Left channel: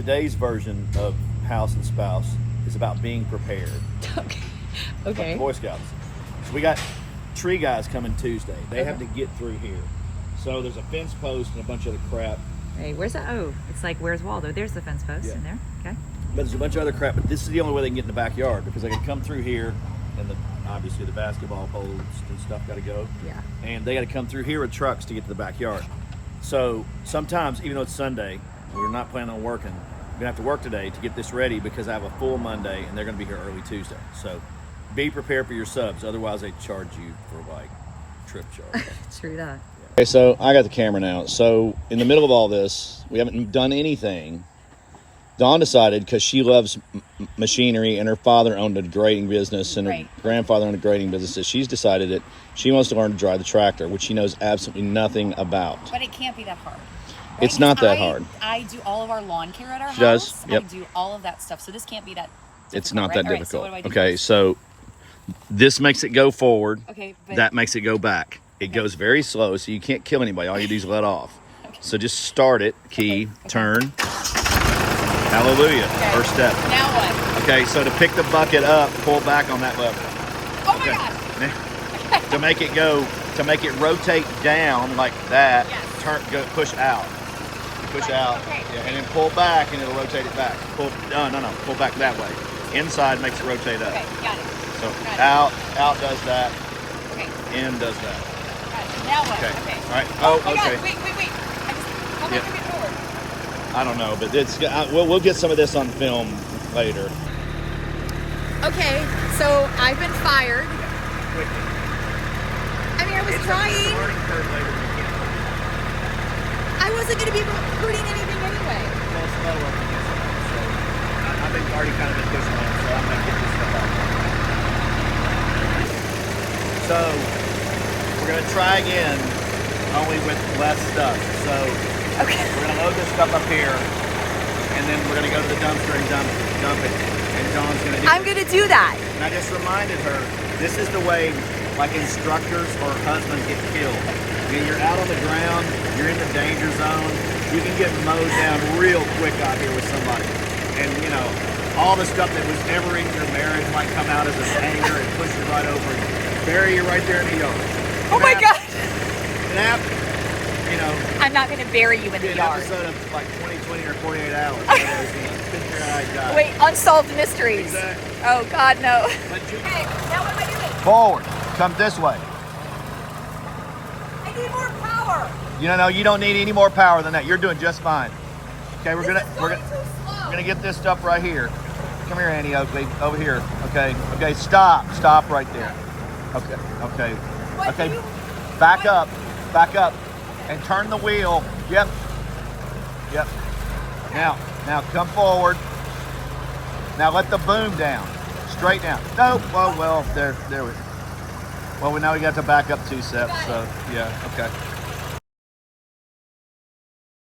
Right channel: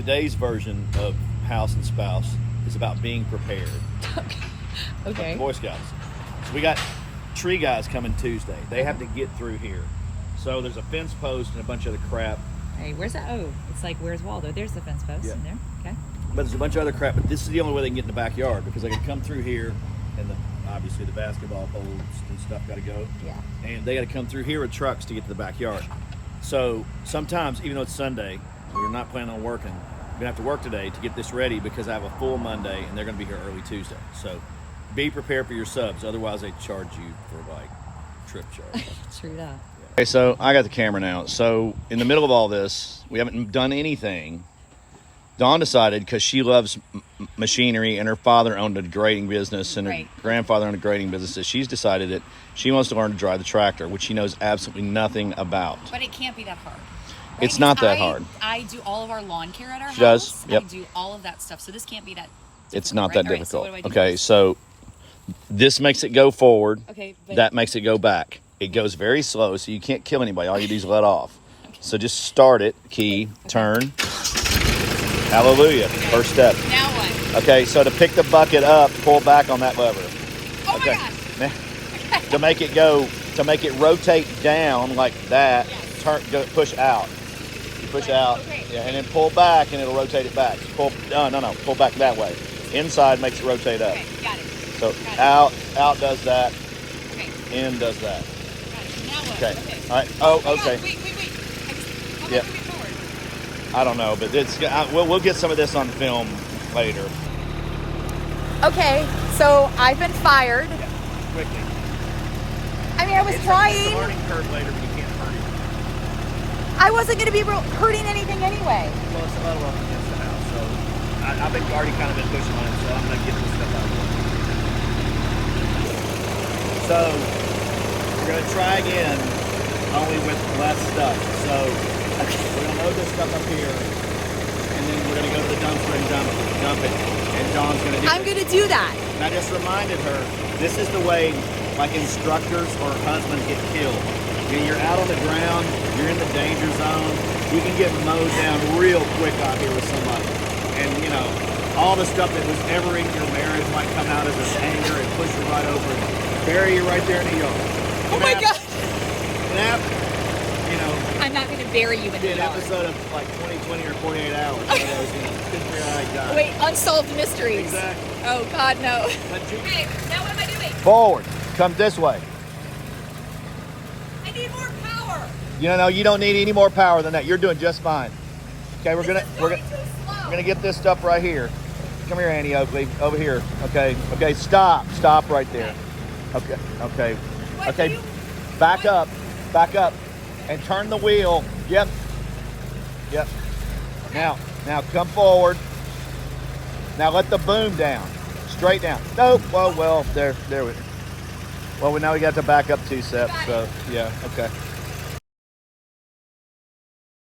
today's version of House and Spouse is about being prepared. Okay. Like the Boy Scouts. So we got tree guys coming Tuesday. They have to get through here. So there's a fence post and a bunch of other crap. Hey, where's the, oh, it's like, where's Waldo? There's the fence post in there. Okay. But there's a bunch of other crap, but this is the only way they can get in the backyard because they can come through here and obviously the basketball poles and stuff got to go. Yeah. And they got to come through here with trucks to get to the backyard. So sometimes, even though it's Sunday, we're not planning on working, we're going to have to work today to get this ready because I have a full Monday and they're going to be here early Tuesday. So be prepared for your subs. Otherwise, they charge you for like trip charge. True that. Okay, so I got the camera now. So in the middle of all this, we haven't done anything. Dawn decided, because she loves machinery and her father owned a grading business and her grandfather owned a grading business, that she's decided that she wants to learn to drive the tractor, which she knows absolutely nothing about. But it can't be that hard. It's not that hard. I do all of our lawn care at our She does? house. Yep. I do all of that stuff. So this can't be that difficult. It's not that difficult. So what do I do? Okay, so this makes it go forward. Okay, but That makes it go back. It goes very slow, so you can't kill anybody. All you do is let off. So just start it, key, turn. Hallelujah. First step. now what? Okay, so to pick the bucket up, pull back on that lever. Oh my God. To make it rotate down like that, push out. Push out. Yeah, and then pull back and it'll rotate it back. Pull back that way. Inside makes it rotate up. Okay, got it. So out does that, in does that. All right, now what? Okay. All right. Oh, Okay. God, wait. How much do we forward? I don't know, but we'll get some of this on film later. Okay, so I've been fired. Quickly. I mean, I was It's trying. a learning curve later, but you can't find it. I wasn't going to be hurting anything anyway. Well, it's low up against it now, so I think we've already kind of been pushing on it, so I'm going to get this stuff out. So we're going to try again, only with less stuff. So we're going to load this stuff up here, and then we're going to go to the dumpster and dump it. And John's going to do I'm going to do that. And I just reminded her, this is the way like instructors or husbands get killed. When you're out on the ground, you're in the danger zone, you can get mowed down real quick out here with somebody. And you know, all the stuff that was ever in your marriage might come out as an anger and push you right over and bury you right there in the yard. Oh my God. It happened. You know, I'm not going to bury you in the an yard. episode of like 20 or 48 hours. One of those, you know, figure-eyed guy. Wait, unsolved mysteries. Exactly. Oh God, no. But you Okay, now what am I doing? forward. Come this way. I need more power. No, you don't need any more power than that. You're doing just fine. Okay, we're This is going too slow. gonna get this stuff right here. Come here, Annie Oakley, over here. Okay, stop right there. Okay. What do you- Back up, and turn the wheel. Yep. Now come forward. Now let the boom down, straight down. Nope. Oh well, there. Well, now we got to back up 2 steps. So yeah, okay.